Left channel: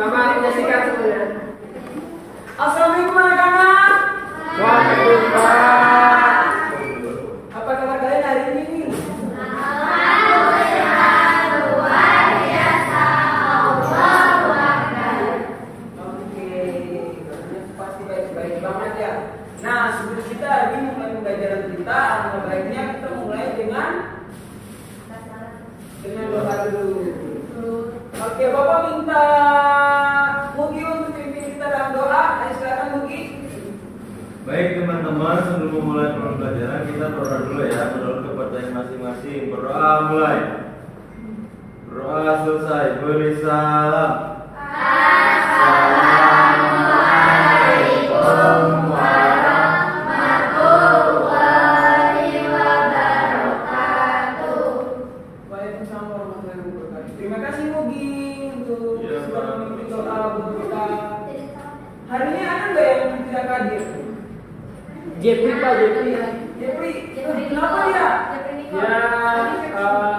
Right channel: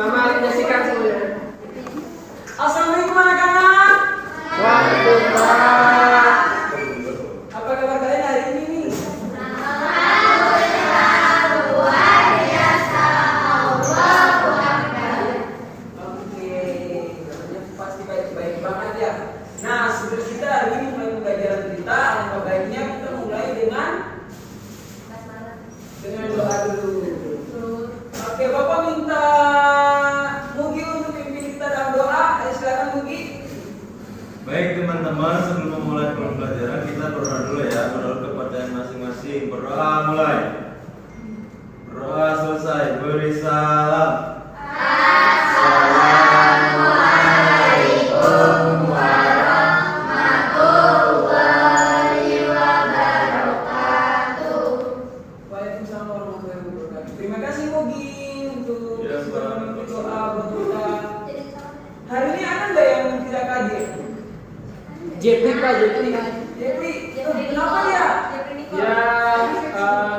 Selamat menyaksikan semuanya. Assalamualaikum anak-anak. Waalaikumsalam. Apa kabar kalian hari ini? Oke, pasti baik-baik banget ya. Nah, sebelum kita hari ini mulai pembelajaran kita, alangkah baiknya kita mulai dengan doa dulu. Oke, Bapak minta Mugi untuk pimpin kita dalam doa. Ayo silakan Mugi. Baik teman-teman, sebelum memulai pembelajaran kita berdoa dulu ya, menurut kepercayaan masing-masing. Berdoa mulai. Berdoa selesai. Beri salam. Assalamualaikum warahmatullahi wabarakatuh. Waalaikumsalam warahmatullahi wabarakatuh. Terima kasih Mugi untuk Ya, sudah Pak. memimpin doa buat kita. Hari ini ada nggak yang tidak hadir? Jepri Pak, Jepri. Jepri, kenapa ya? Ya,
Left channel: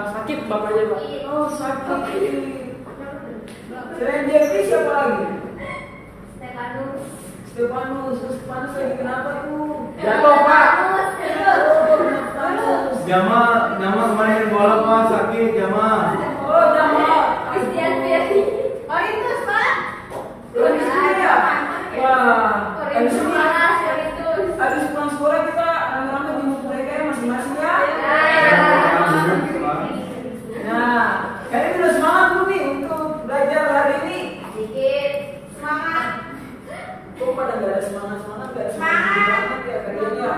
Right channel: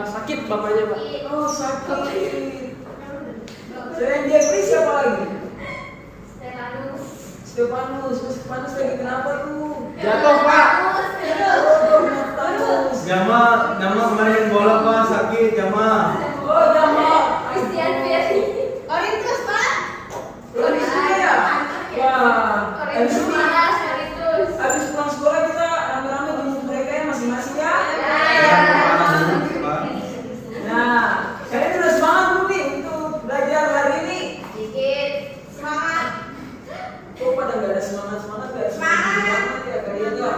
sakit bapaknya Pak. Oh sakit. Selain Jepri siapa lagi? Stefanus lagi kenapa tuh? Jatuh Pak. Oh Stefanus. Jama main bola Pak, sakit Jama. Oh Jamal. Oh di sini ya? Wah, abis ini habis pulang sekolah kita rame-rame jemput mereka ya masing-masing ya. Nah, kalian udah semangat belum nih untuk belajar hari ini? Kok pada nggak ada semangat gak ada semangat banget ya kalian ya?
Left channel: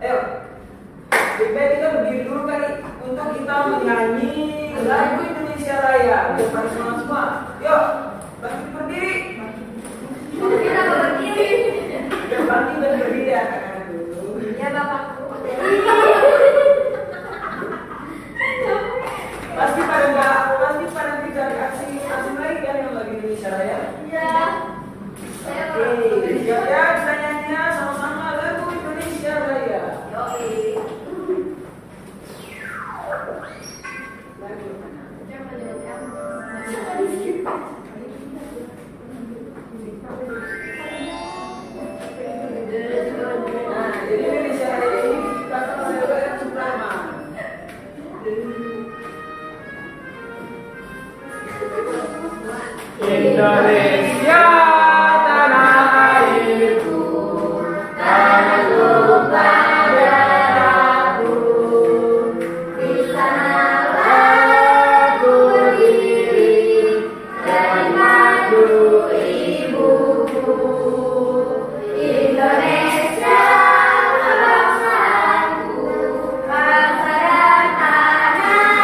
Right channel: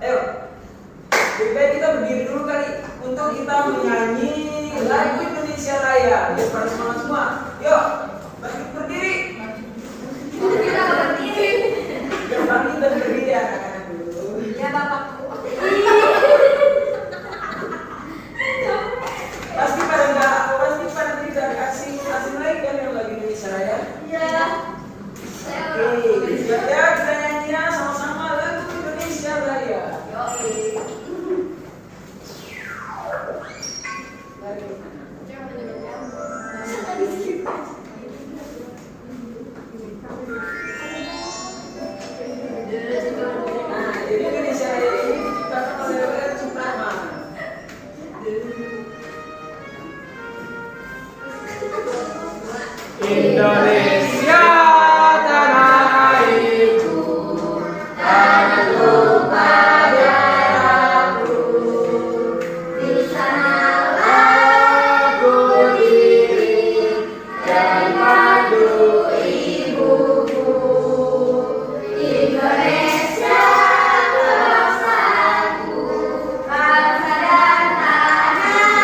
Ayo, lebih baik kita berdiri dulu kali untuk kita menyanyi lagu Indonesia Raya. Biar pada semangat semua. Yuk, bangkit berdiri. Biar bangkit dan berdiri anak-anak dulu. Pasti pada tidak asing lagi kan yang lagi Indonesia Raya. Oke, siap ya kita nyanyinya sama-sama lagu Indonesia Raya. Lagu mana? Nah, jadi Indonesia Raya ini diciptakan oleh Raden Suprama. Indonesia tanah airku, tanahku padaku. Di sanalah ku berdiri dan mengadu ibuku. Indonesia bangsaku, bangsa dan tanah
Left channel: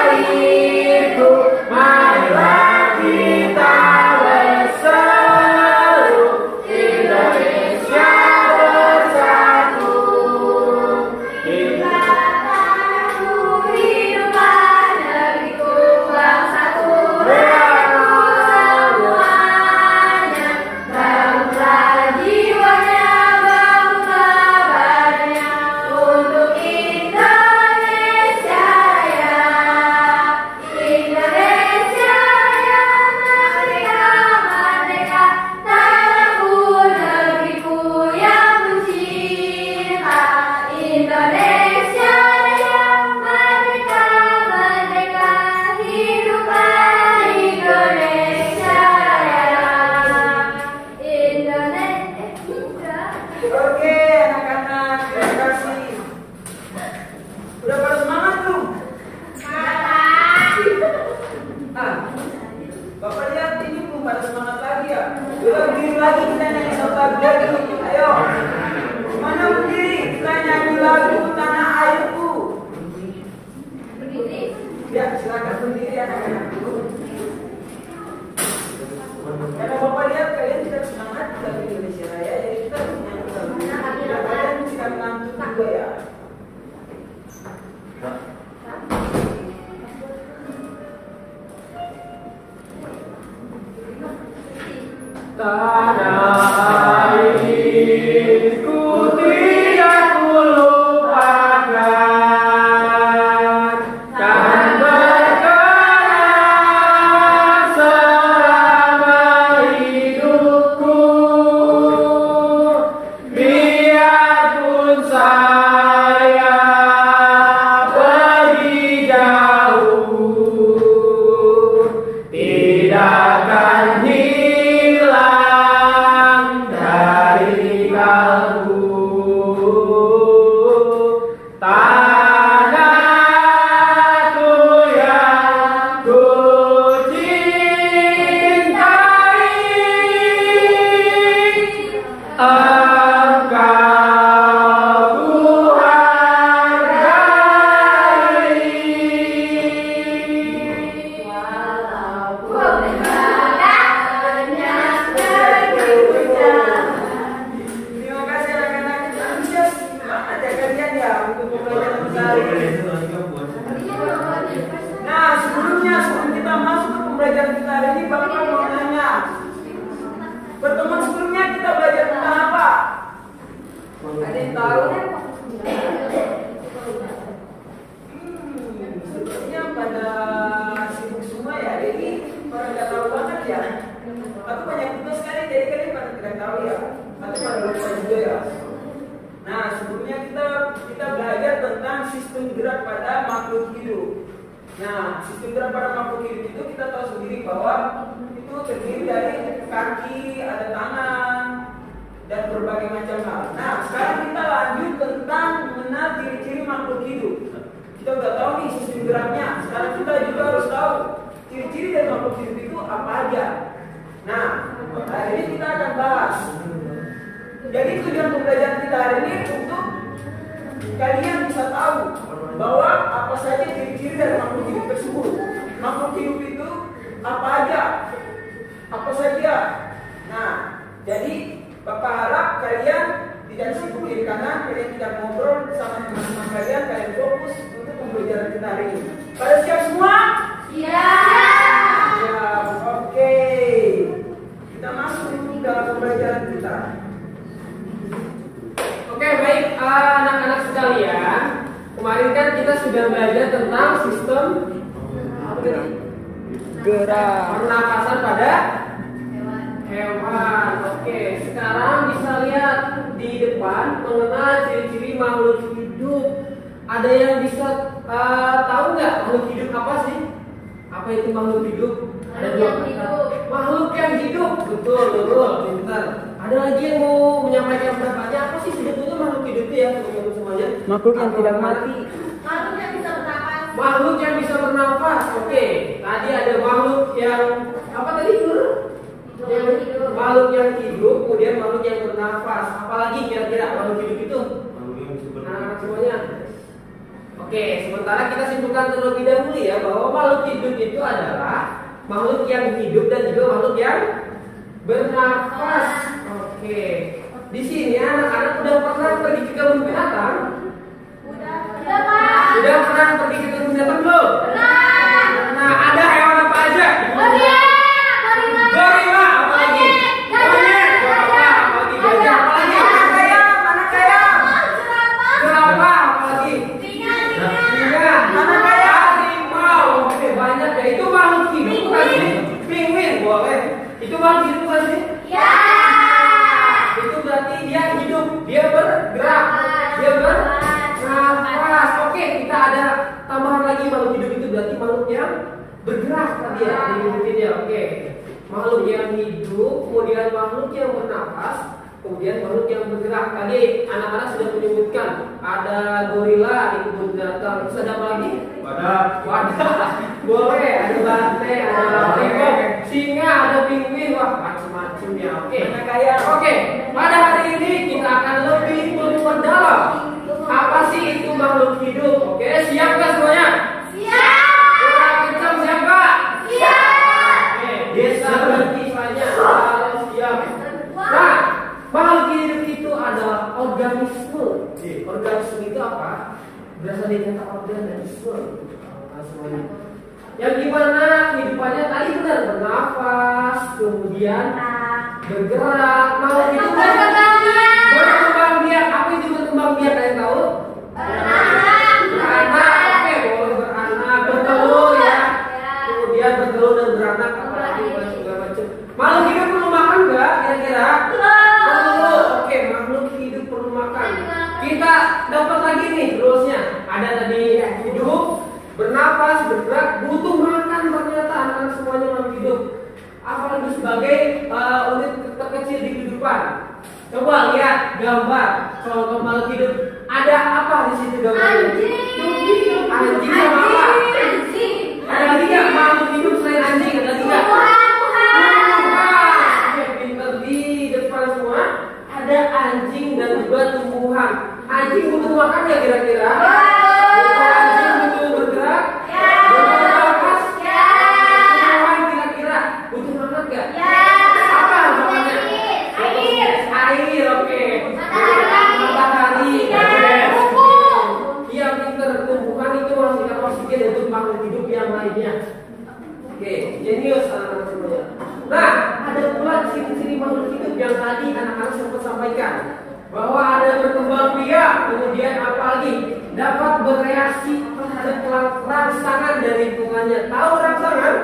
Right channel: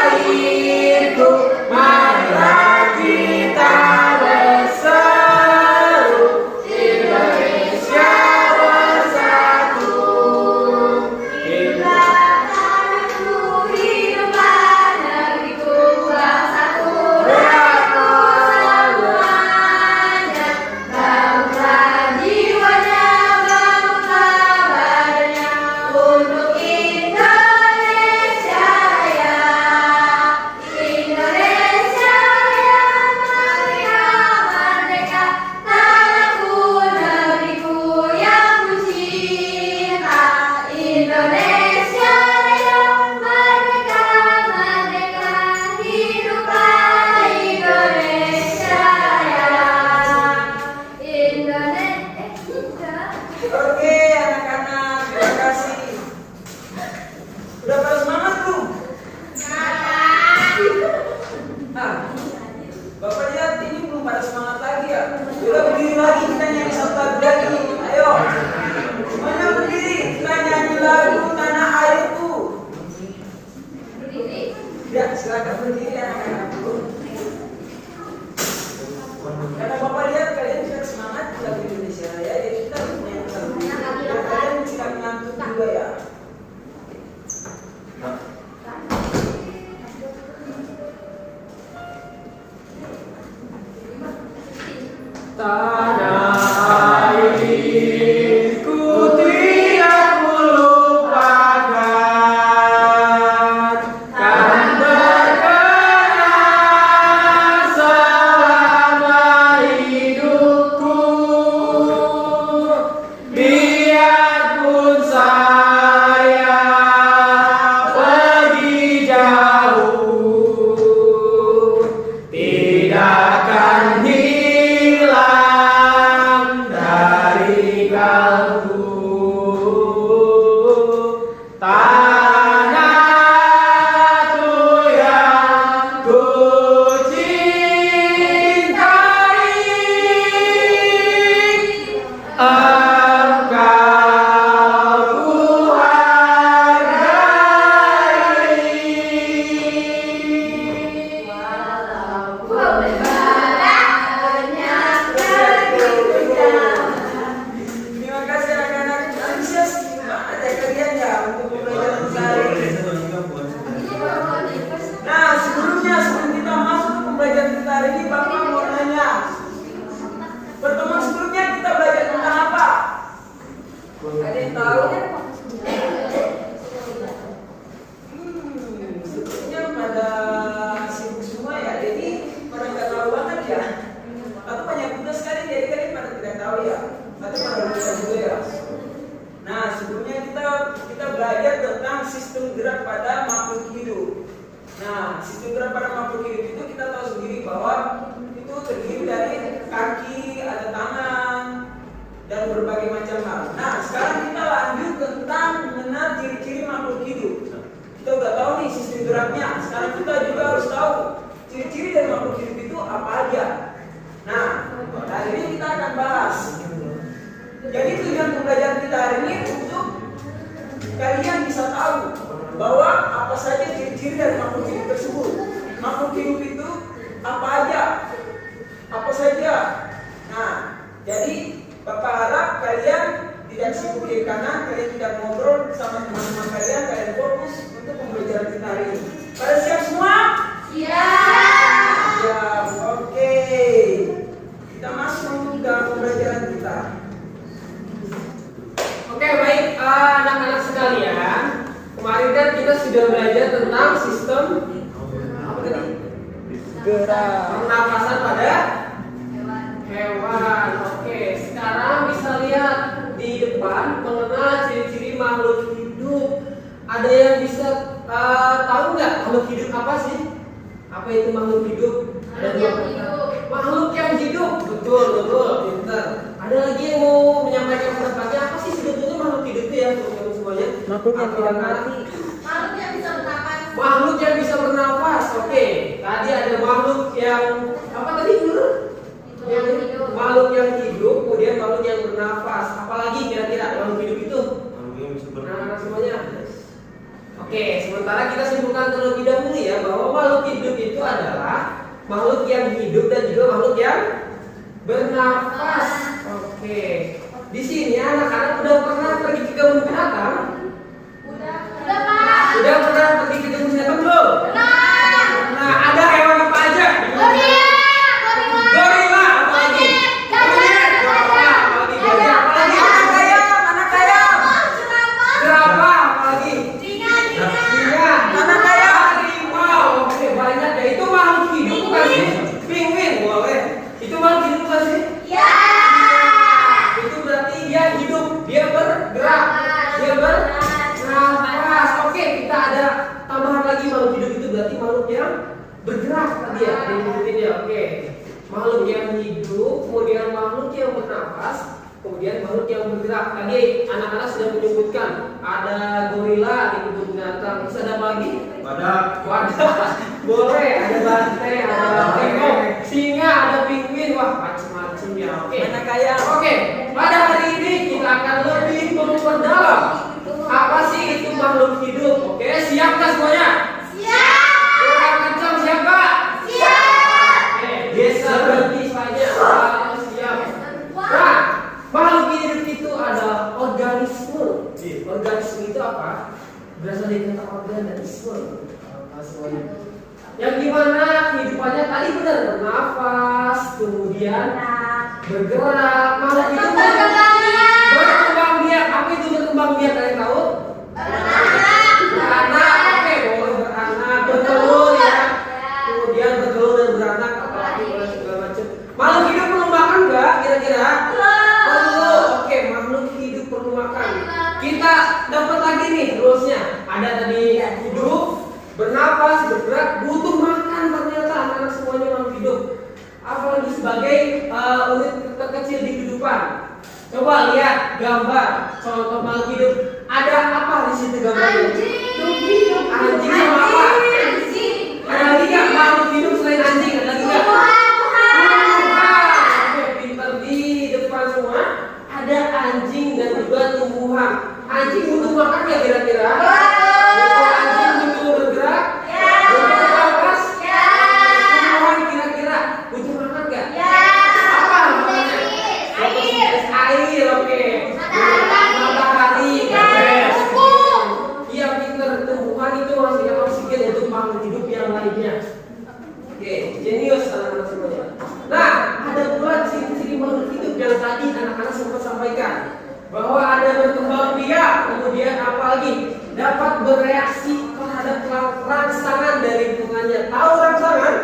airku. Marilah kita berseru, Indonesia bersatu. Hiduplah tanahku, hiduplah negeriku, bangsaku, beraku semuanya. Bangunlah jiwanya, bangunlah badannya untuk Indonesia Raya. Indonesia Raya, merdeka, merdeka, tanahku, negeriku yang ku cinta. Indonesia Raya, merdeka, merdeka, hiduplah Indonesia Raya. Indonesia. Oke anak-anak, terima kasih. Udah pada semangat belum? Ah, Bapak lihat ini belum pada semangat lagi ya. Udah berdiri lagi kita nyanyi satu lagu lagi. Ayo, semuanya berdiri kita nyanyi lagu Tanah Airku. Ya silakan berdiri anak-anak dulu. Karena Bapak lihat kalian tidak semangat di lagu Indonesia Raya, jadi kita nyanyi lagu. Biar kalian tidak mengantuk juga ya. Tanah air sebelumnya sebelum kita masuk ke pembelajaran kita hari ini, Bapak mau nanya. Pertemuan sebelumnya kita belajar tentang apa? Ada yang tahu? Sepertinya pada sibuk semua ya, jadi pada nggak tahu banget ya. Atau banyak tugas sekali, jadi kalian pada tidak tahu ya. Atau pada lupa juga ya. Nah, sebelumnya kita belajar tentang sistem gerak pada makhluk hidup. Nah, sistem gerak pada makhluk hidup itu kita tahu sendiri bahwa itu terdiri dari kaki, ada tangan, dan berbagai macam hal. Nah, sekarang kita lanjut tentang mengenal ciri-ciri makhluk hidup. Kita udah tahu nih sistem geraknya. Sekarang kita juga harus tahu ciri-ciri dari makhluk hidup itu apa aja. Nah, hari ini kita akan bahas. Jadi tujuan pembelajaran kita hari ini untuk kalian bisa tahu bahwa apa saja ciri-ciri dari makhluk hidup tersebut. Makhluk hidup itu apa aja? Apa saja? Nah, jadi Bapak harap kalian tidak sibuk kiri kanan, kalian tidak ngobrol sama teman-teman kalian fokus untuk pembelajaran kita hari ini. Pada siap semua? Siap. Siap, oke. Kita masuk untuk dalam pembelajaran kita. Oke, baik anak-anak sekalian. Kemarin kan kita sudah belajar tentang sistem apa tadi? Gerak. Pernapasan pada hewan. Oke, sekarang bisa lihat di depan mengenal ciri-ciri makhluk hidup. Ada yang bisa tahu nggak makhluk hidup apa sih? Apa itu makhluk hidup? Ada dua kata. Makhluk yang hidup. Betul, pintar. Ada lagi yang mau menyampaikan pendapatnya, apa sih sebetulnya makhluk hidup itu ya, teman-teman semuanya? Makhluk yang tidak mati. Makhluk yang bisa bernafas. Makhluk yang bisa bernafas. Oke, tadi ada makhluk yang apa tadi dulu? Makhluk yang hidup, kemudian makhluk yang bernafas. Apalagi kira-kira makhluk hidup itu? Nah, semuanya. Oke, sementara kita simpulkan terlebih dahulu ya bahwa makhluk hidup itu adalah makhluk yang hidup dan juga makhluk yang bernafas. Oke, di sini anak-anak udah pernah pergi ke kebun binatang? Udah, Pak. Udah pernah pergi ke kebun binatang belum? Pernah. Nah, ada hewan apa aja? Gorila. Gorila, apa lagi? Monyet, apa lagi? Gajah, apa lagi? Anak ayam. Jerapah, apa lagi? Singa. Anak ayam. Harimau. Oke, banyak ya. Itu makhluk hidup bukan sih? Penguin, boleh. Itu makhluk hidup bukan sih? Ya. Itu berarti dia hidup, dia bergerak, dia bernafas. Oke, kita ada tambahan lagi makhluk hidup itu berarti makhluk yang bergerak tadi ya, ada yang nyebutinnya. Oke, makhluk yang hidup, kemudian makhluk yang bernafas, kemudian makhluk yang bergerak. Tadi anak-anak sudah menyebutkan ada gorila di kebun binatang. Terus ada apa lagi? Wadah, boleh. Ada banteng, ada banteng, singa, ada penguin, wah macam-macam ya. Oke. Anak ayam. Oke, pada hari ini kita akan lebih memperdalam apa sih itu makhluk hidup. Oke, siap nggak semuanya? Siap. Kurang kencang siap nggak? Siap. Oke, desa berarti banyak. Siap. Nah, makhluk hidup itu ada organisme. Organisme itu apa? Berasal dari kata organisme. Semuanya. Yang gimana kehidupannya tadi benar bernafas, kemudian bergerak, makhluk itu berkembang biak. Apa itu berkembang biak, kalian tahu? Beranak, oke, boleh beranak, bertelur ya. Kemudian bertelur dan beranak, apalagi boleh segala macam. Makhluk hidup perlu makan nggak? Kira-kira? Perlu. Oke, makhluk hidup perlu makan. Kita dapat lagi nih rulesnya. Ada tadi hidup, bernafas, bergerak, butuh makan ternyata anak-anak semuanya makhluk hidup. Apalagi sebagai unit terkecil di kehidupan. Coba lihat gambar contoh makhluk hidup. Ada apa di situ gambarnya? Anjing sama apa? Ada lagi nggak makhluk hidup selain anjing? Ada lagi nggak? Oke, pintar di depan semua. Ada anjing dan juga tumbuhan. Anjing butuh makan nggak kira-kira? Butuh anjing butuh bergerak? Butuh bernafas? Tumbuhan kira-kira butuh makan nggak? Apa namanya? Air, oke. Matahari. Iya, pintar. Tumbuhan itu menghasilkan oksigen untuk makhluk hidup yang lainnya. Oke, jenius anak-anak semuanya. Nah, ada pula ciri-ciri makhluk hidup yang tadi anak-anak sempat sampaikan, bahwa ada berkembang biak, kemudian apa lagi? Dapat bereaksi terhadap rangsangan dari lingkungannya. Tahu rangsangan?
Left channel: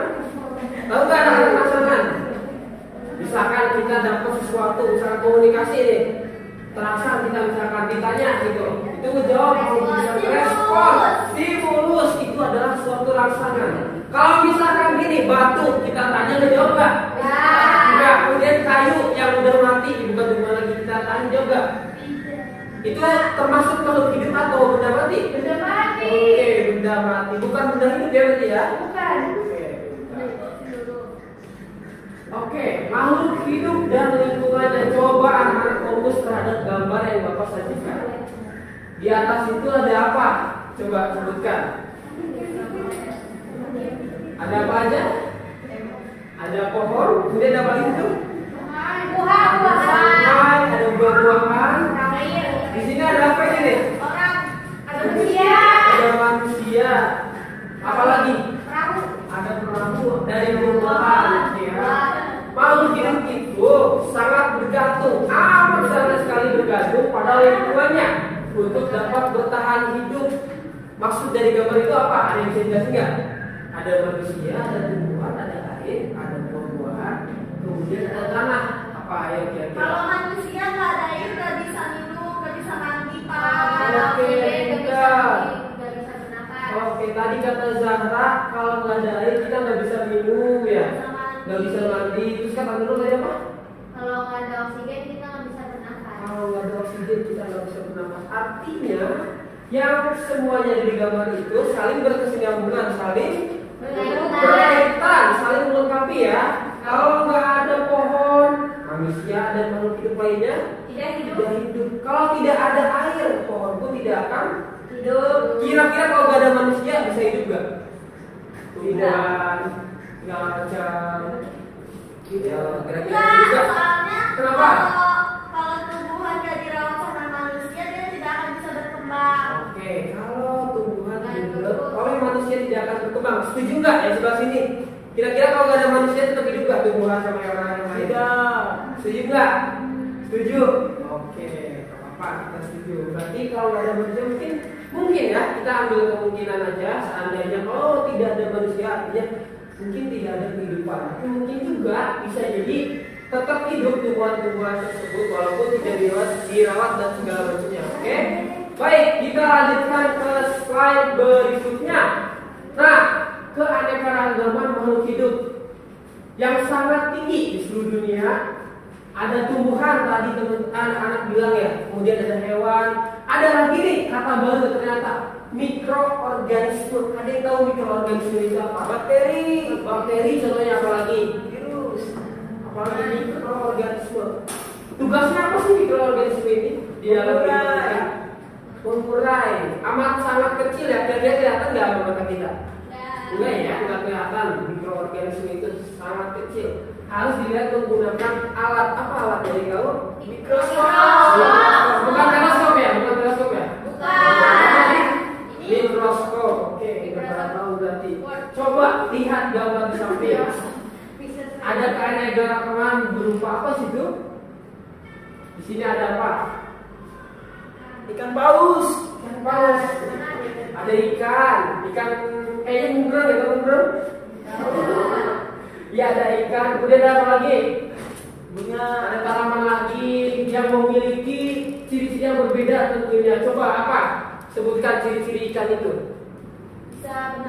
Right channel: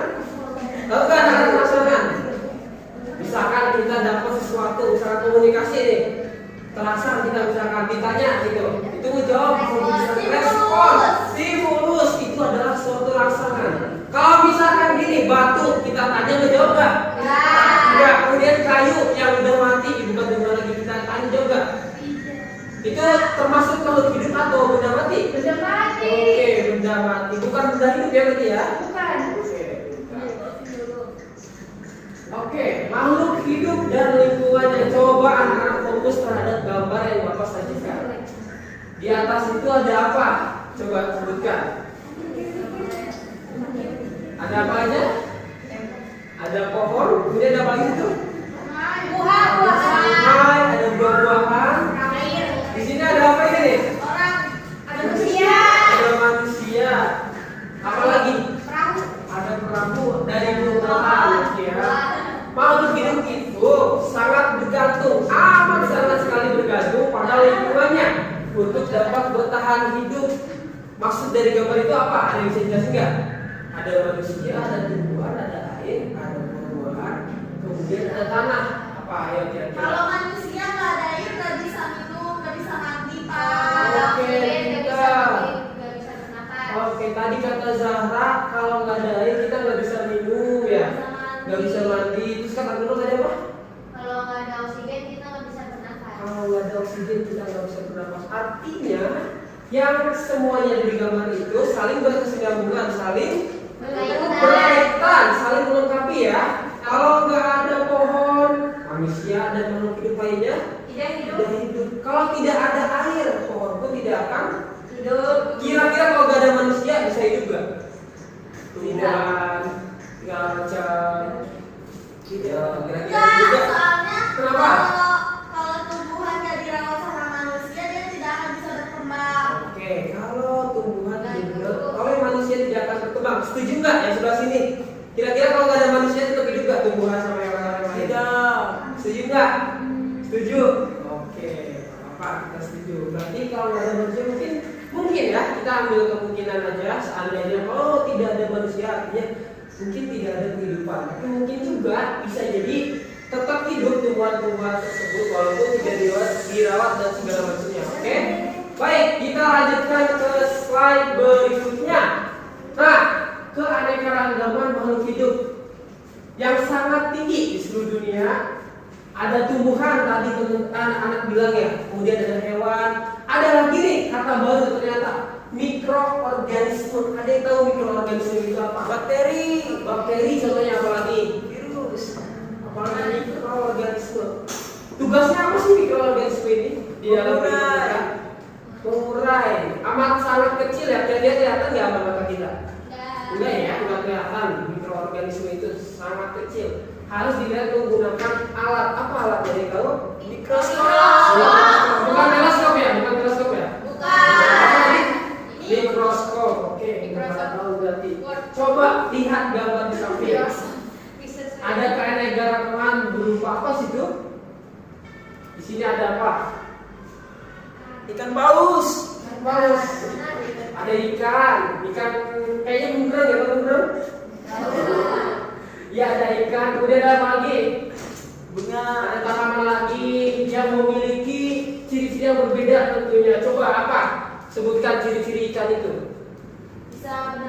Tahu nggak anak-anak rangsangan? Misalkan kita dapat sesuatu, misalkan komunikasi nih, terasa kita misalkan ditanya gitu, itu ngejawab kalau bisa respon, stimulus itu adalah suatu rangsangan. Kalau misalkan gini, batu kita tanya ngejawab nggak? Enggak. Kemudian kayu yang udah mati dibuka lagi kita tanya jawab nggak? Itu termasuk makhluk hidup atau benda mati? Benda mati. Oke, benda mati, bukan benda hidup ya berarti ya? Bukan. Oke, makhluk hidup dan lingkungannya. Coba anak-anak fokus terhadap gambar yang Bapak sajikan. Di atas itu ada apa? Coba sebutkan. Ada apa aja? Ada pohon, kemudian ada apa lagi itu? Ada sungai, ada buah-buahan. Di sini ada apa ini? Ada manusia. Apa lagi? Ada perahu dari buah-buahan. Ya. Makhluk hidup itu sangat bergantung, amat sangat sekali bergantung pada lingkungannya untuk dapat bertahan hidup. Maksud dari gambar itu apa? Ada yang bisa jelasin nggak? Ada manusia, ada tumbuhan, ada air, ada buah-buahan, kemudian ada tanah. Apa yang kira-kira? Kalau manusia nggak ada air, nggak bisa minum, nggak bisa mandi, Pak. Oke, Nggak bisa bernapas. Oke, tadi kata Zahra kalau nggak ada air kita nggak bisa minum ya, nggak bisa mandi. Terus kata Nurul tadi apa? Kalau nggak ada oksigen kita nggak bisa bernapas. Kalau nggak ada oksigen kita nggak bisa bernapas. Artinya yang semuanya di gambar itu saling berkesinambungan, saling berkaitan, saling melengkapi ya. Kalau nggak ada pohon, manusia dan makhluk hidup lainnya tidak hidup. Kalau tidak ada air, pohon pun tidak akan hidup. Kira-kira kalau nggak ada manusia bisa hidup nggak? Tumbuhan, segala macam. Ya, kira-kira juga. Soalnya Kenapa? kalau tumbuhan nggak dirawat sama manusia dia tidak akan bisa berkembang. Oke, kalau tumbuhan hidup, kalau manusia tidak akan berkembang, setuju nggak yang sebelah sini? Kira-kira kalau nggak ada manusia tetap hidup nggak tumbuhan sama hewan yang lain? Tidak. Setuju nggak? Setuju. Oke, apa kita setuju. Berarti kalau nggak ada manusia mungkin ya kita ambil kemungkinan aja seandainya kalau tidak ada manusia artinya mungkin tidak ada kehidupan. Tapi mungkin juga bisa jadi tetap hidup tumbuhan-tumbuhan tersebut walaupun tidak dirawat dan segala macamnya. Oke? Baik, kita lanjutkan ke slide berikutnya. Nah, keanekaragaman makhluk hidup yang sangat tinggi di seluruh dunia. Ada tumbuhan tadi anak-anak bilang ya, kemudian ada hewan, ada lagi nih kata baru ternyata mikroorganisme. Ada yang tahu mikroorganisme itu apa? Bakteri. Bakteri contohnya apa lagi? Virus. Apalagi mikroorganisme. Tugasnya apa sih mikroorganisme ini di dalam hidup kita? Mengurai. Amat sangat kecil ya. Kira-kira kelihatan nggak sama mata kita? Enggak ya, tidak kelihatan. Mikroorganisme itu sangat kecil. Harus dilihat menggunakan alat. Apa alat dari kamu? Mikroskop. Bukan teleskop ya, bukan teleskop ya. Bukan. Mikroskop. Oke, kita pada tahu berarti. Coba lihat gambar di samping. Ada keanekaragaman berupa apa sih itu? Di sini ada apa? Ikan paus. Ikan paus. Ada ikan kayaknya bunglon ya, bunglon. Ya ada ikan, kemudian ada apa lagi? Bunga. Ada tanaman lagi yang memiliki ciri-ciri yang berbeda tentunya. Coba apa? Sebutkan ciri-ciri ikan itu. Bisa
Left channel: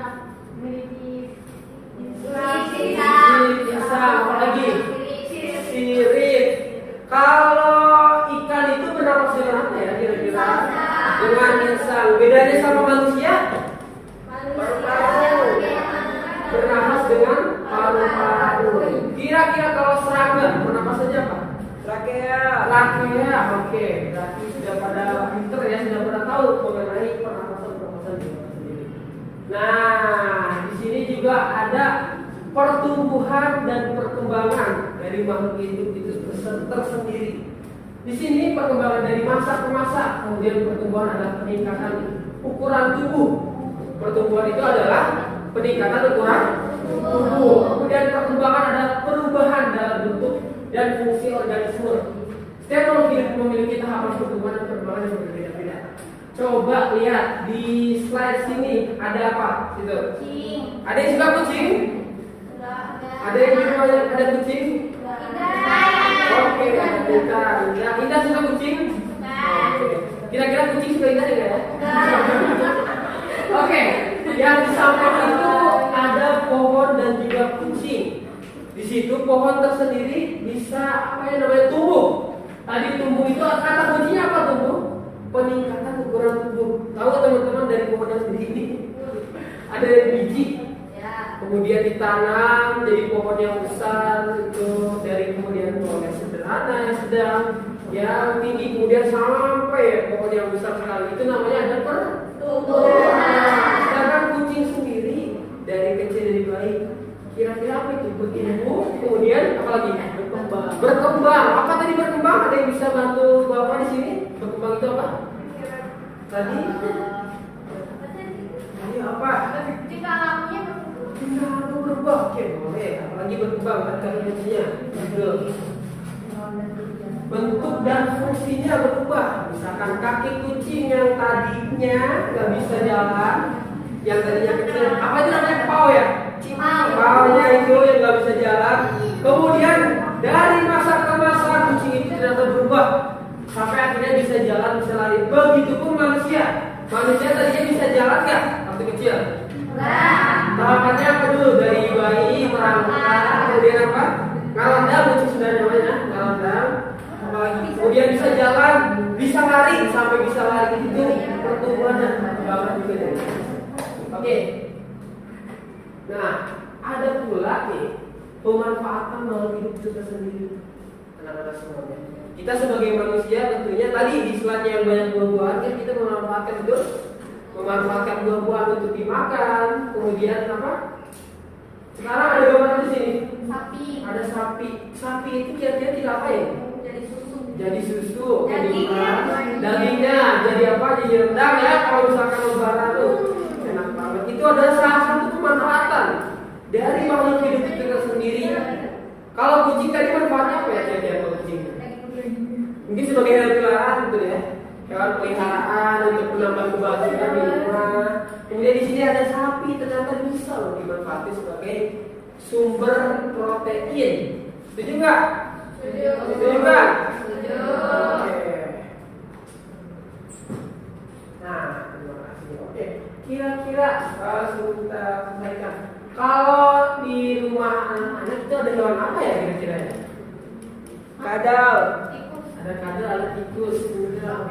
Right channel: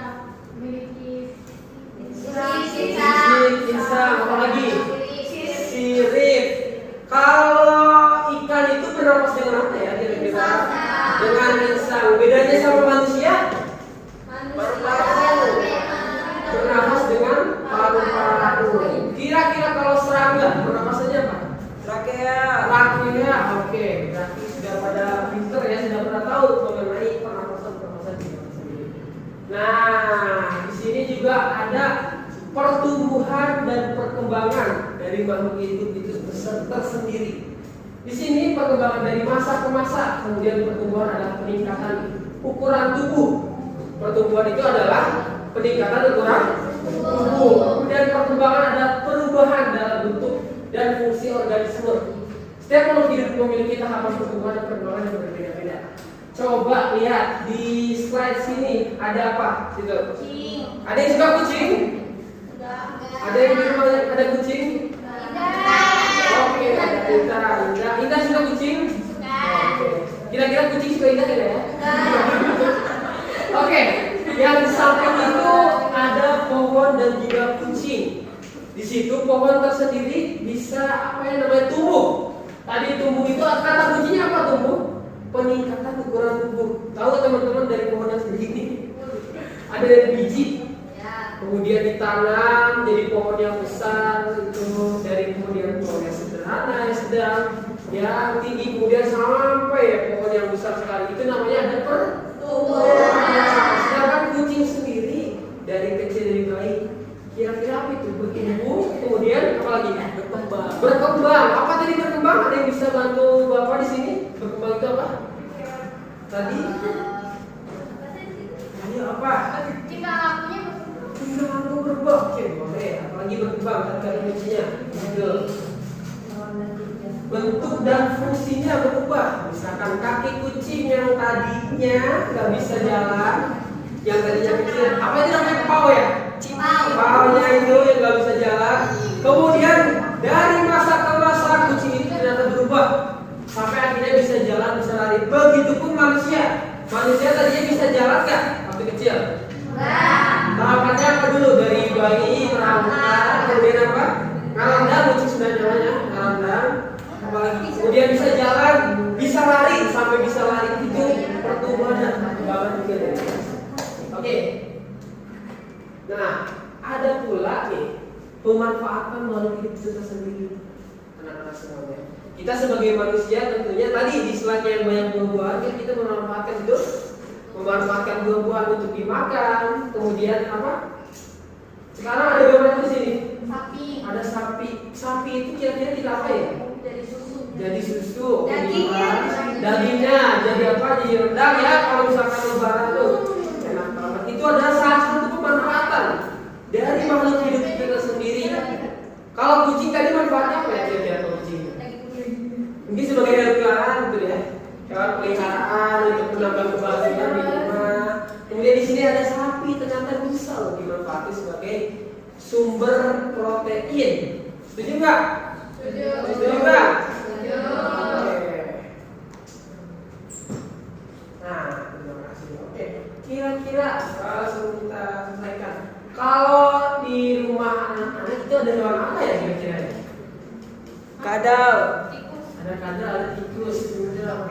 memiliki insang, apa lagi? Sirip. Kalau ikan itu bernapas dengan apa ya kira-kira? Dengan insang. Bedanya sama manusia? Bernapas dengan paru-paru. Kira-kira kalau serangga bernapasnya apa? Trakea. Oke, berarti sudah pada pinter ya, sudah pada tahu mengenai pernapasan sendiri. Nah, di sini juga ada pertumbuhan dan perkembangan dari makhluk hidup itu tersendiri. Di sini perkembangan dari masa ke masa, kemudian pertumbuhan adalah peningkatan ukuran tubuh. Pertumbuhan itu adalah peningkatan ukuran tubuh. makhluk hidup memiliki tahapan pertumbuhan dan perkembangan yang berbeda-beda. Coba lihat di slide sini ada apa? Gitu. Kucing. Ada yang suka kucing? Ada yang di rumahnya ada kucing? Oke, Indah suka kucing? Oke. Kira-kira kucing suka Indah tidak ya? Oke, yang samping itu ada pohon dan juga kucing. Di situ pohon tersendiri bisa apa yang namanya tumbuh. Tadi tumbuh itu kata kuncinya apa tumbuh? Peningkatan ukuran tubuh. Tahu teman-teman dari pohon yang sedikit ini? Ada dari biji. Kemudian ditanam jadi pohon yang besar itu dari kemudian pohon yang sederhana, yang sedang, yang tinggi kemudian sampai ya pohon yang besar sekali itu namanya ada pertumbuhan. Sedangkan kucing sendiri dari kecil dari bayi kira-kira apa itu bertumbuh kemudian apa lagi berkembang. Apa tadi berkembang? Ada yang bisa bantu bapak di sini? Berkembang itu apa? Tadi? Ayo apa? Tinggal aku berkembang, oke boleh. Apalagi berkembang kan kata kuncinya. Gitu. Bentuk dan fungsinya berubah. Misalkan kaki kucing yang tadinya nggak bisa jalan, yang tadinya kecil, apa itu namanya paw ya? Pawnya itu yang nggak bisa jalan. Kemudian dari masa ke masa kucing itu ternyata berubah sampai akhirnya bisa jalan, bisa lari. Begitupun manusia. Manusia tadinya bisa jalan nggak waktu kecil? Tahapannya apa dulu? Dari bayi, merangkak, kemudian apa? Ngarandang, kucing sudah namanya, ngarandang. Kemudian bisa jalan, bisa lari, sampai bisa lari itu pertumbuhannya banget juga ya. Oke. Nah, ada pula nih pemanfaatan makhluk hidup itu tersendiri. Anak-anak semuanya. Kita sebagai manusia tentunya tadi di slide-nya yang banyak buah-buahan kan kita memanfaatkan buah-buahan untuk dimakan. Kemudian apa? Sekarang ada gambar di sini. Ada sapi. Sapi itu kira-kira kita apa ya? Jadi susu. Dagingnya jadi apa? Jadi rendang ya. Kalau misalkan lebaran tuh enak banget. Itu adalah salah satu pemanfaatan dari makhluk hidup kita sendiri. Kalau kucing tadi manfaatnya apa ya kira-kira kalau kucing? Mungkin sebagai hewan peliharaan gitu ya. Hewan peliharaan untuk menambah kebahagiaan di rumah. Kemudian di sini ada sapi, ternyata bisa loh dimanfaatkan sebagai sumber protein. Setuju nggak? Setuju nggak? Oke. Nah, terima kasih. Oke. Kira-kira langsung kita selesaikan. Kalau di rumah anak-anak itu ada hewan apa ya kira-kira? Kadal. Ada kadal, ada tikus.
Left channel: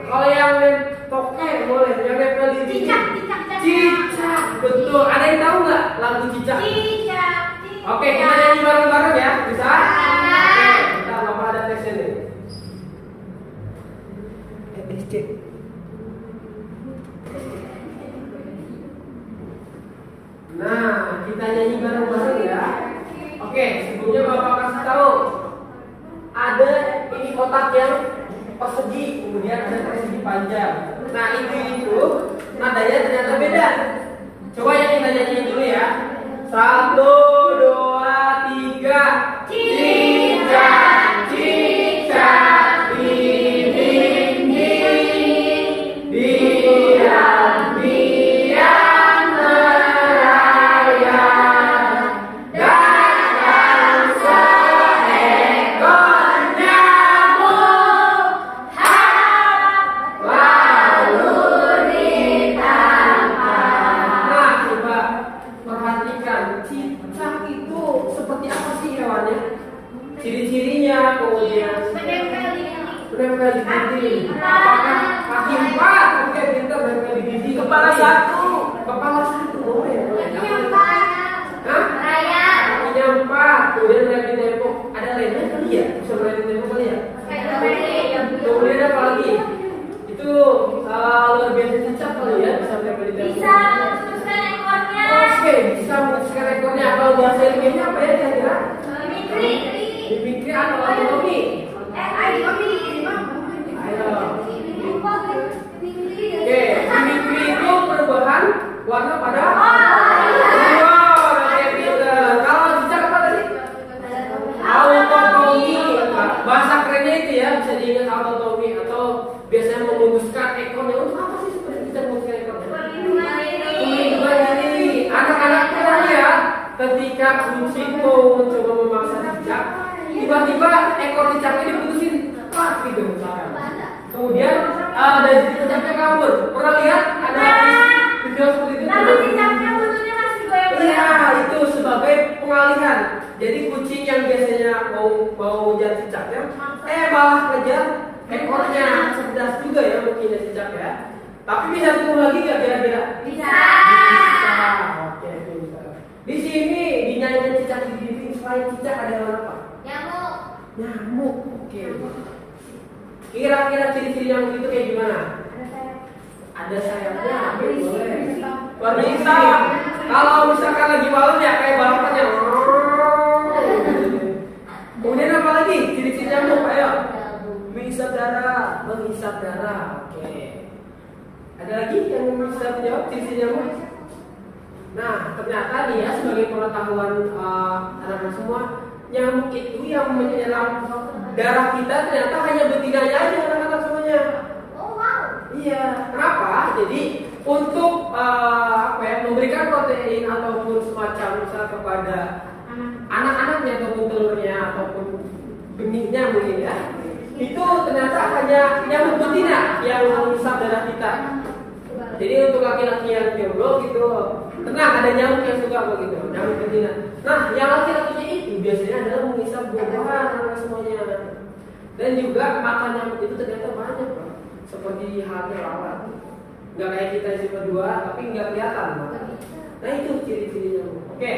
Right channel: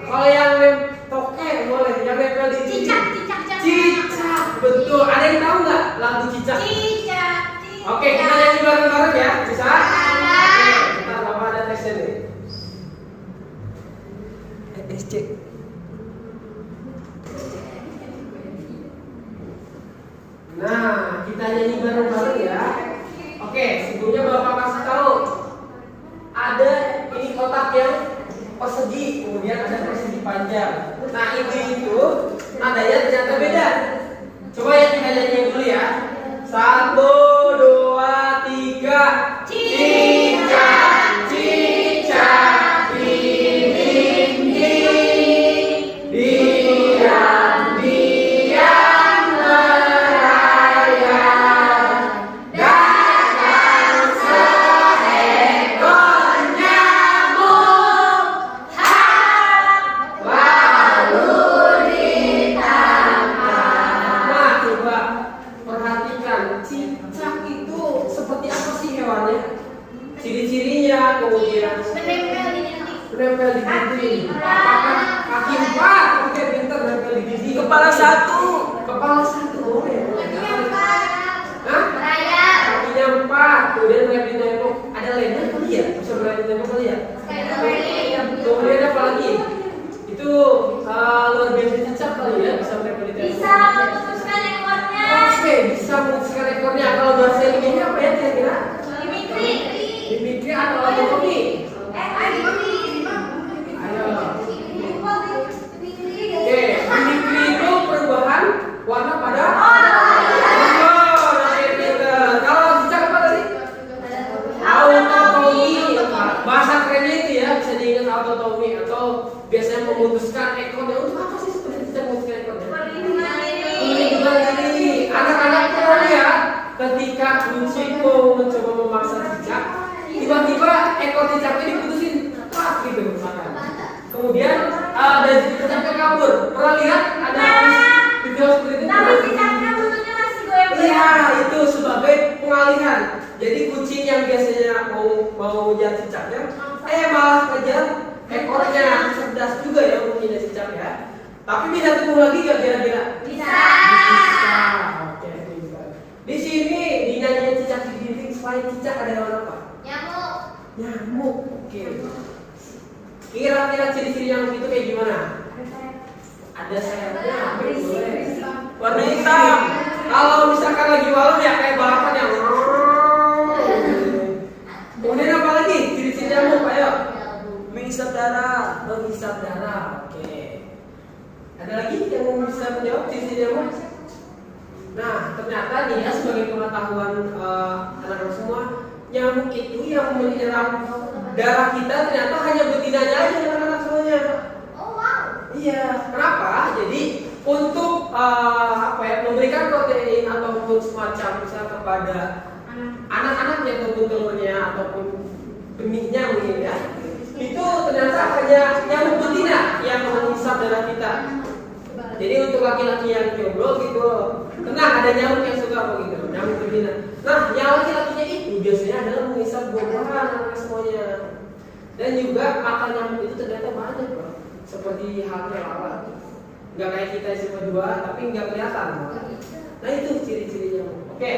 Kalau yang toke boleh, yang nempel di Cicak. Betul. Ada yang tahu nggak lagu cicak? Oke, kita nyanyi bareng-bareng ya, bisa? Oke, kita bapak ada teksnya nih. SC. Nah, kita nyanyi bareng-bareng ya. Oke, sebelumnya bapak kasih tahu. Ada ini kotak yang persegi, kemudian ada persegi panjang. Nah, itu nadanya ternyata beda. Coba ya kita nyanyi dulu ya. 1, 2, 3. Cicak, cicak di dinding, diam-diam merayap, datang seekor nyamuk, lalu ditangkap. Nah, coba perhatikan, cicak itu seperti apa sih hewannya? Ciri-cirinya, kemudian menempel di dinding. Apakah kaki 4? Oke, pintar menempel di dinding. Kepala 1 boleh. Hah? Kakinya 4, kemudian melempel di tembok. Ada lemnya kali ya? Bisa melempel di tembok kali ya? Kemudian apa lagi? Itu luar biasa cicak kali ya, bisa melempel di tembok. Oke, bisa memutuskan ekornya. Kalau bahasa ilmiahnya apa ya kira-kira? Mimikri atau autonomi? Ayo. Oke, mimikri itu perubahan warna pada pinter. Kalau cicak apa tadi? Autonomi. Bahasa kerennya itu ya, bisa diingat autonomi. memutuskan ekornya. Untuk apa sih sebenarnya cicak memutuskan ekornya? Perlindungan diri. Perlindungan diri. Anak-anak pernah lihat ketika kucing mau mencoba memangsa cicak, tiba-tiba ekor cicaknya diputusin, gitu misalkan. Kemudian dari cicaknya kabur. Pernah lihat ada video seperti itu? Tapi cicaknya mulutnya masih goyang-goyang. Iya, itu sebagai pengalihan. Jadi kucing yang biasanya mau jalan cicaknya, malah kejar ekornya. Cerdas juga ya mungkin cicak ya. Tapi bisa tumbuh lagi nggak kira-kira? Bisa. Bisa. Oke, pintar. Di sini di nyanyian cicak di dinding selain cicak ada hewan apa? Nyamuk. Nyamuk. Oke. Kira-kira ciri-ciri nyamuk itu kayak gimana? Ada sayapnya, boleh. Warna hitam. Kalau misalkan lagi malam ya kayak balapan yang. Kemudian apa lagi? Ciri-ciri nyamuk, ayo. Mengisap darah. Menghisap darah. Oke. Ada lagi yang bisa menjawab ciri-ciri nyamuk? Nah, ternyata nih ya sebagai pengetahuan anak-anak semua, nyamuk itu yang menyerang darah kita ternyata hanya betinanya aja anak-anak semuanya. Oh wow. Iya, kenapa? Jadi untuk memberikan protein ataupun semacam misalnya kepada anak-anaknya ataupun telurnya ataupun benihnya mungkin ya, itu ternyata hanya nyamuk betina yang menghisap darah kita. Jadi untuk laki-laki yang jomblo gitu, tenang, ada nyamuk yang suka begitu, nyamuk betina. Nah, yang laki-lakinya itu biasanya adalah menghisap buah-buahan semuanya. Dan juga makan nyamuk itu ternyata banyak loh, seperti halnya lalat. Nggak kayak kita cuma dua, tapi nggak kelihatan. Nah itu ciri-ciri nyamuk. Oke,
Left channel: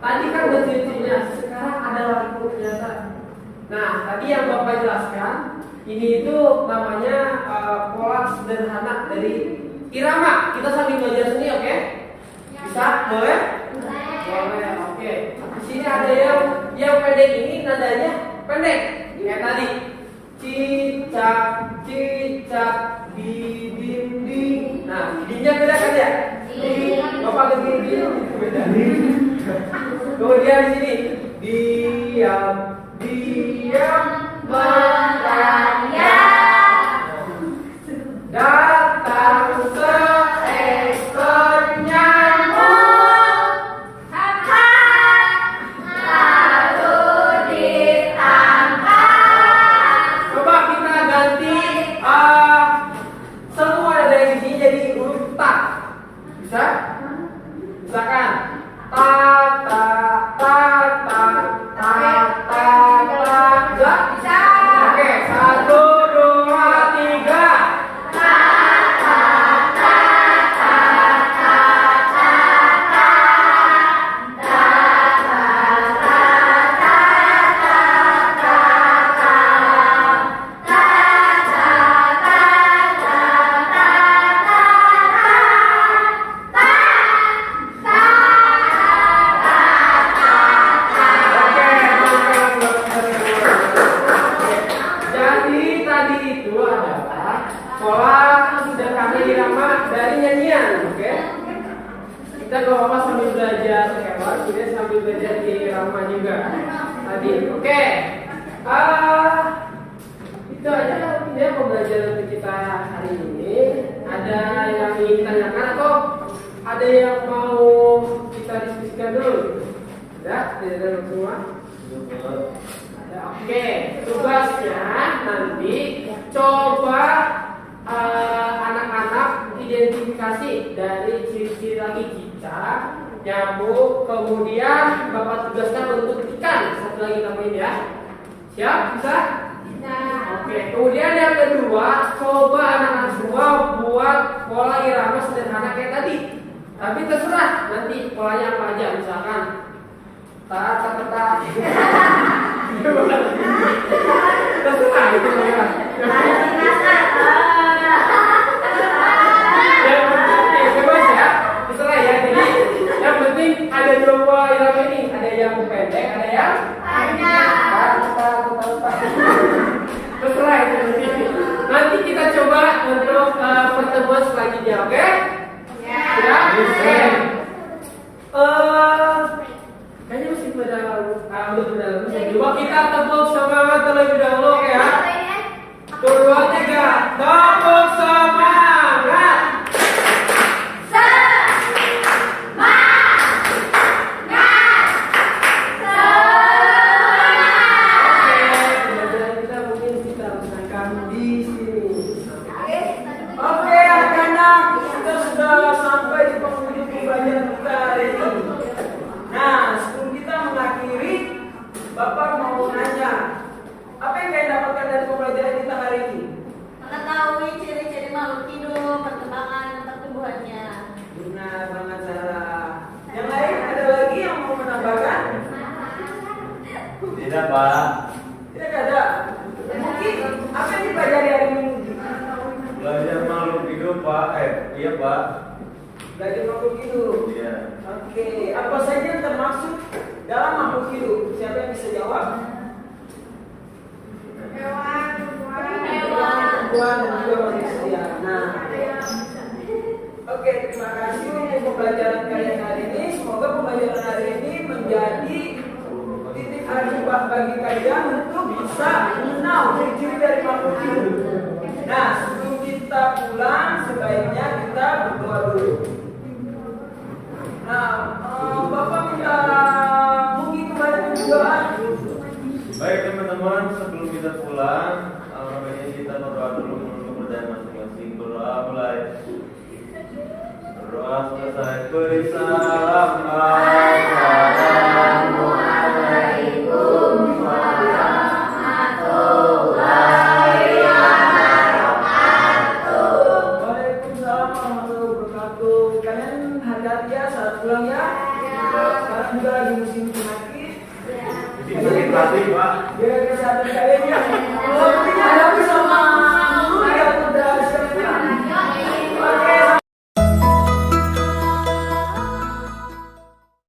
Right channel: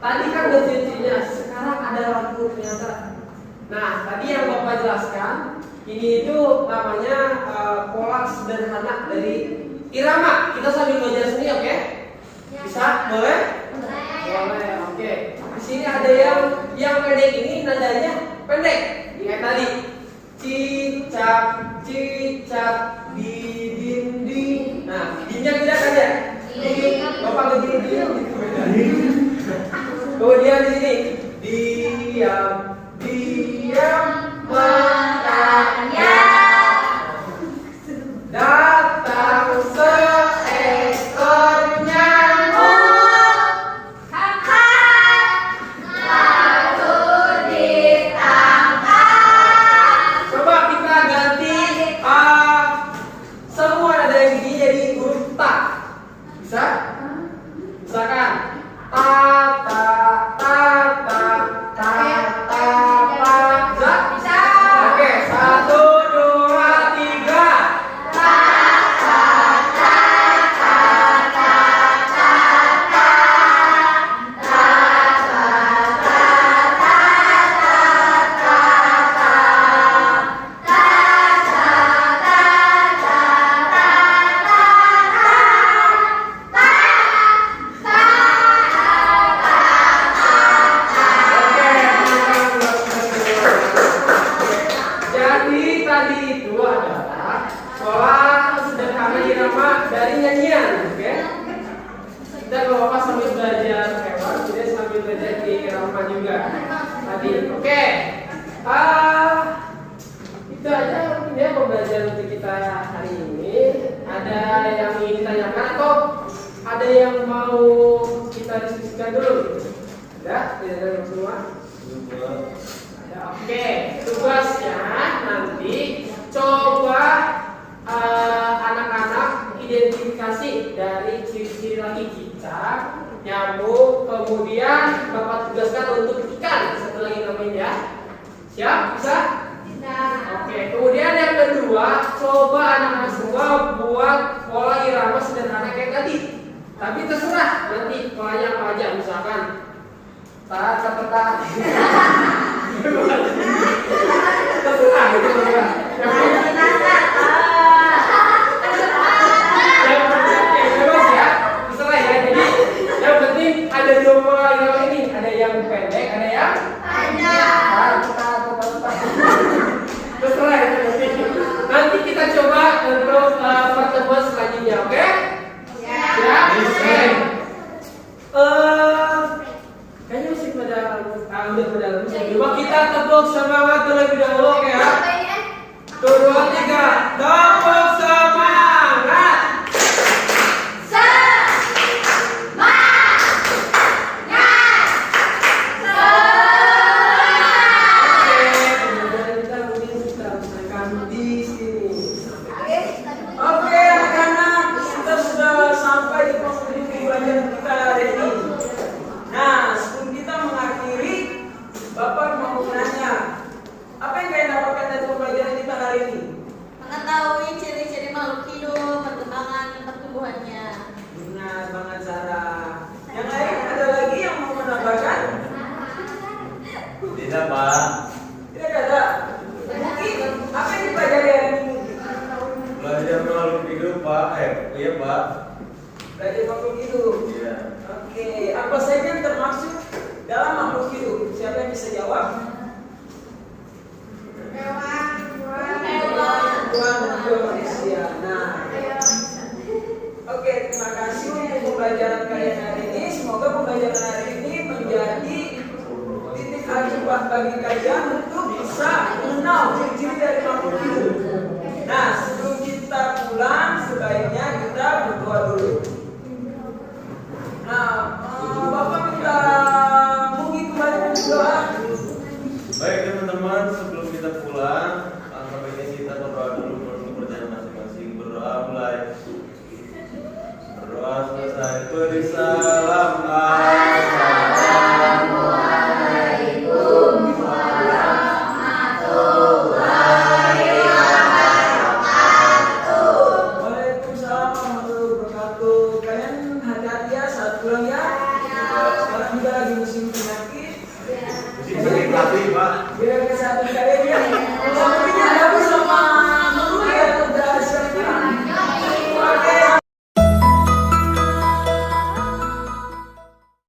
tadi kan udah ciri-cirinya, sekarang ada lagi ternyata. Nah, tadi yang Bapak jelaskan, ini itu namanya pola sederhana dari irama. Kita sambil belajar seni, oke? Bisa? Boleh? Boleh. Oke. Di sini ada yang pendek ini nadanya pendek. Kayak tadi. Cicak, cicak di dinding. Nah, dindingnya beda aja. Bapak ke dinding gitu beda. Kemudian di sini diam, diam bertanya. Datang seekor nyamuk. Lalu ditangkap. Coba kita ganti semua dari sini jadi huruf ta. Bisa? Misalkan ta ta ta ta ta ta ta. Bisa? Oke, 1, 2, 3. Jadi tadi itu adalah pola sederhana irama dari nyanyian, oke? Kita kalau apa sambil belajar hewan, kemudian sambil belajar di irama juga tadi, oke? Itu aja mungkin ya pembelajaran untuk kita hari ini. Ada yang ingin ditanyakan atau ada yang mau kita diskusikan dulu? Sudah, tidak semua. Oke, tugasnya nanti coba anak-anak identifikasi dari ciri-ciri lagi cicak, nyamuk, kemudian Bapak tugaskan untuk ikan. Satu lagi namanya ya. Siap? Bisa? Oke, kemudian yang kedua, coba anak-anak semua buat pola irama sederhana kayak tadi. Tapi terserah nanti polanya apa aja, misalkan tak. Terserah gitu ya. Bebas ya, terserah ya. Jadi yang penting ada dua pola irama ini, ada yang pendek, ada yang terserah itu nanti. Nanti kita coba untuk pertemuan selanjutnya, oke? Ya, oke. Kayaknya masih udah pada lemes ya. Coba kita tepuk semangat terlebih dahulu, oke ya? Tuh, 2, 3. Tepuk semangat. Oke, pembelajaran kita mungkin kita usahkan di sini. Oke anak-anak, kita sudah sampai di penghujung pembelajaran kita hari ini. Nah, sebelum kita mengakhiri, Bapak mau nanya, apa yang kalian dapatkan dari pembelajaran kita hari ini? Mengetahui ciri-ciri makhluk hidup, perkembangan dan pertumbuhannya. Benar banget Sarah. Yang lain ada lagi yang mau menambahkan? Tidak, Pak. Tidak ada. Mungkin apa yang dipelajari hari ini? Belajar makhluk hidup, Pak. Iya, Pak. Belajar makhluk hidup. Iya. Oke, apa saja yang termaksud dalam makhluk hidup? Siapa yang bisa jawab? Tuhan dan juga manusia. Nah, oke, terima kasih untuk pembelajaran kalian hari ini. Semoga pembelajaran hari ini menjadi titik acuan bagi kalian untuk bisa mengenal ciri-ciri dari makhluk hidup. Nah, sebelum kita pulang, sebaiknya kita berdoa dulu. Nah, Bapak minta Mugi kembali berdoa. Baik teman-teman, sebelum kita pulang, namanya kita berdoa dulu menurut kepercayaan masing-masing. Berdoa mulai. Berdoa selesai. Beri salam. Assalamualaikum warahmatullahi wabarakatuh. Waalaikumsalam warahmatullahi wabarakatuh. Kalian hati-hati ya saat pulang ya. Sekarang juga lagi musim penyakit. Jadi, Pak. Jaga kesehatan kalian ya.